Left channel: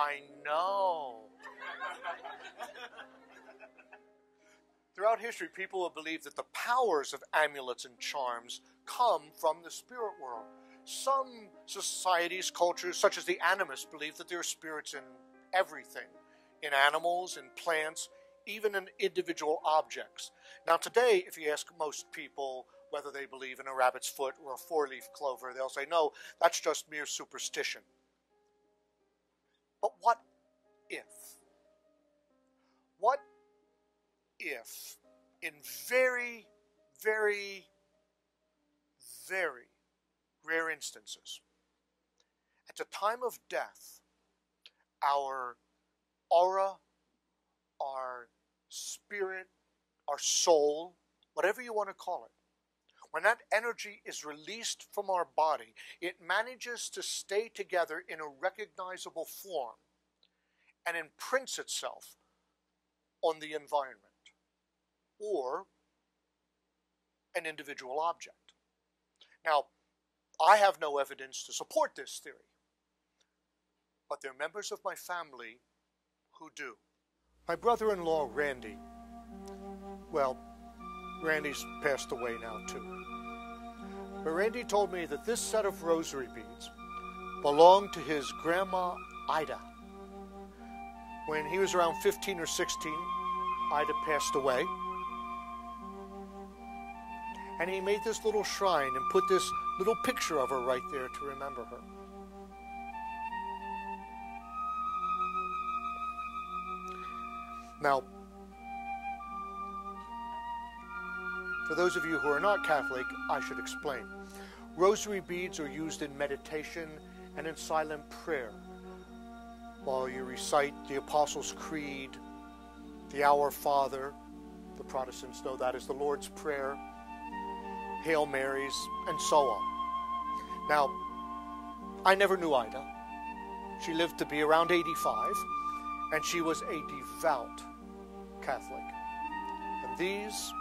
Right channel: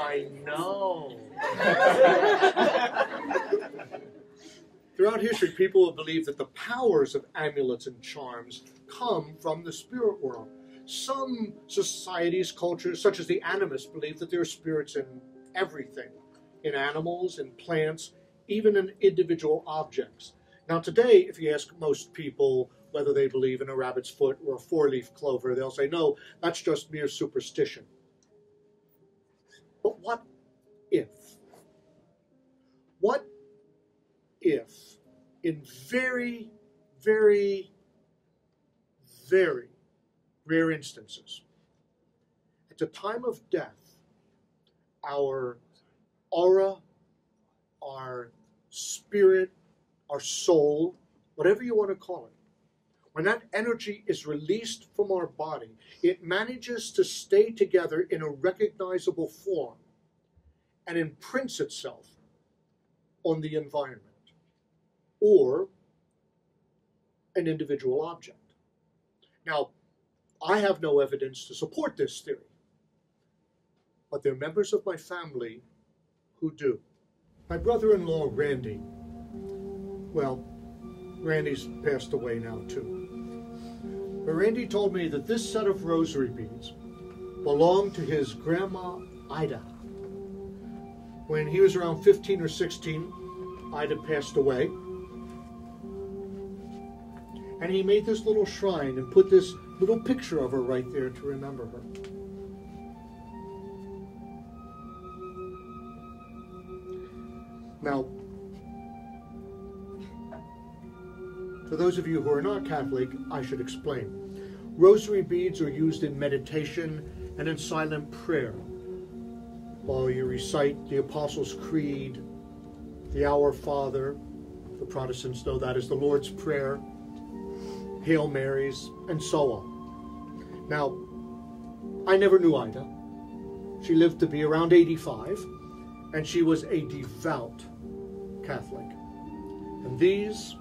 I know. Throughout history, people have believed that the powers of amulets and charms come from the spirit world. Some societies, cultures, such as the animists, believe that there are spirits in everything, in animals, in plants, even in individual objects. Now today, if you ask most people whether they believe in a rabbit's foot or a four-leaf clover, they'll say, no, that's just mere superstition. But what if? What if, in very, very, very rare instances, at the time of death, our aura, our spirit, our soul, whatever you want to call it, when that energy is released from our body, it manages to stay together in a recognizable form and imprints itself on the environment or an individual object. Now, I have no evidence to support this theory, but there are members of my family who do. My brother-in-law, Randy, well, Randy's passed away now too. But Randy told me that this set of rosary beads belonged to his grandma, Ida. When he was around 15 or 16, Ida passed away. And he made this little shrine and put this little picture of her right there to remember her. Now, for those of you who are not Catholic, I should explain. Rosary beads are used in meditation and in silent prayer. While you recite the Apostles' Creed, the Our Father, the Protestants know that is the Lord's Prayer, Hail Marys, and so on. Now, I never knew Ida. She lived to be around 85, and she was a devout Catholic. And this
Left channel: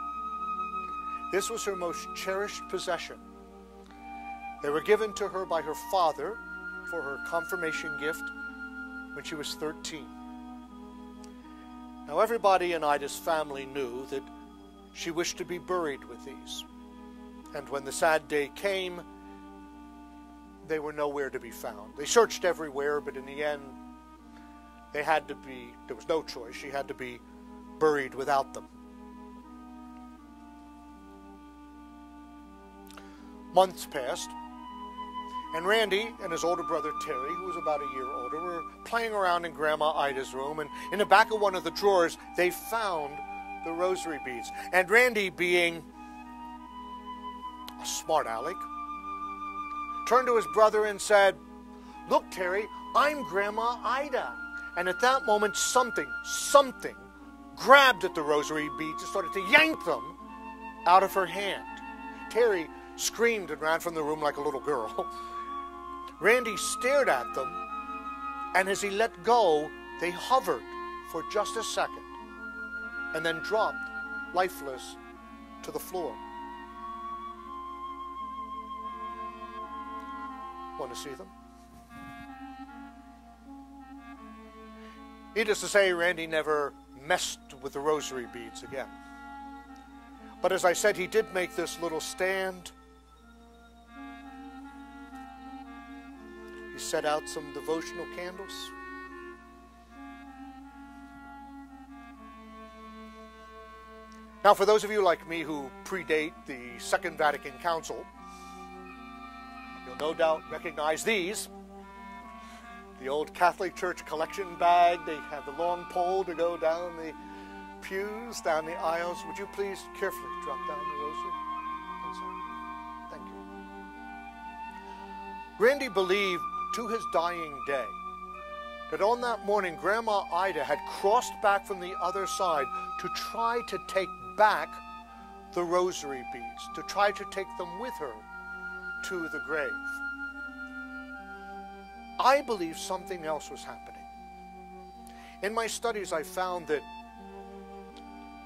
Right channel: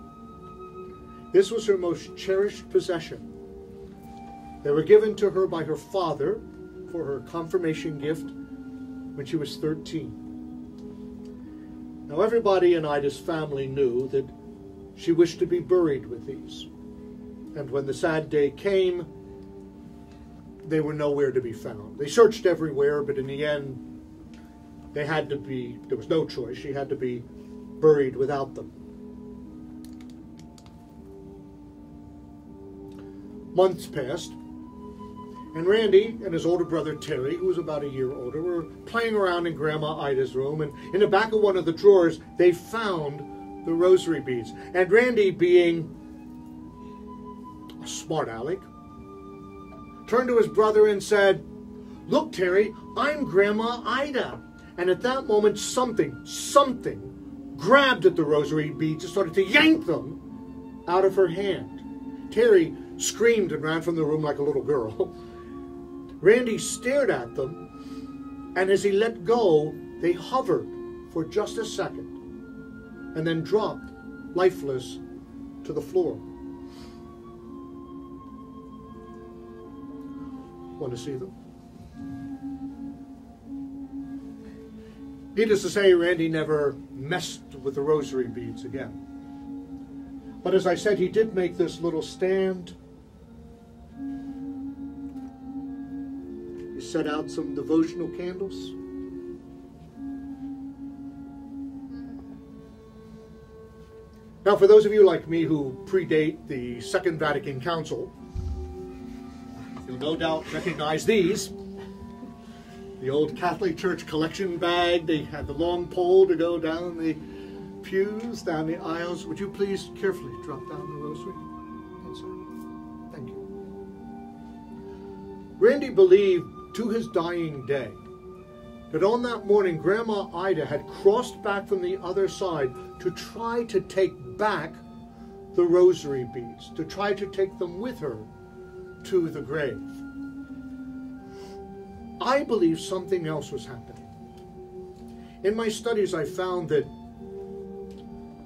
was her most cherished possession. They were given to her by her father for her confirmation gift when she was 13. Now, everybody in Ida's family knew that she wished to be buried with these. And when the sad day came, they were nowhere to be found. They searched everywhere, but in the end, there was no choice. She had to be buried without them. Months passed, and Randy and his older brother Terry, who was about a year older, were playing around in Grandma Ida's room, and in the back of one of the drawers, they found the rosary beads. And Randy, being a smart aleck, turned to his brother and said, "Look, Terry, I'm Grandma Ida." And at that moment, something grabbed at the rosary beads and started to yank them out of her hand. Terry screamed and ran from the room like a little girl. Randy stared at them, and as he let go, they hovered for just a second and then dropped lifeless to the floor. Want to see them? Needless to say, Randy never messed with the rosary beads again. But as I said, he did make this little stand. He set out some devotional candles. Now, for those of you like me who predate the Second Vatican Council, you'll no doubt recognize these. The old Catholic Church collection bag. They had the long pole to go down the pews, down the aisles. Would you please carefully drop down the rosary? Yes, sir. Thank you. Randy believed to his dying day that on that morning, Grandma Ida had crossed back from the other side to try to take back the rosary beads, to try to take them with her to the grave. I believe something else was happening. In my studies, I found that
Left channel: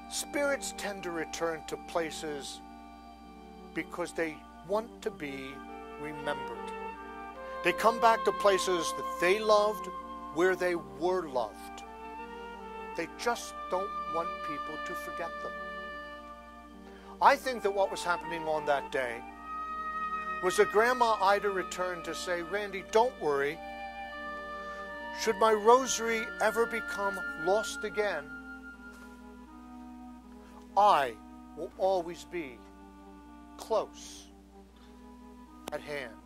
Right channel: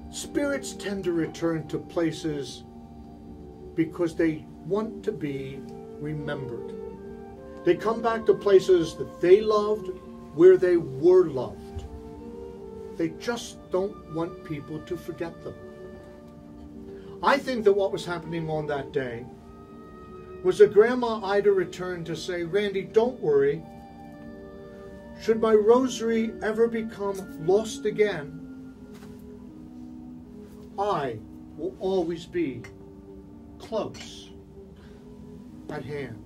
spirits tend to return to places because they want to be remembered. They come back to places that they loved, where they were loved. They just don't want people to forget them. I think that what was happening on that day was that Grandma Ida returned to say, Randy, don't worry. Should my rosary ever become lost again, I will always be close at hand.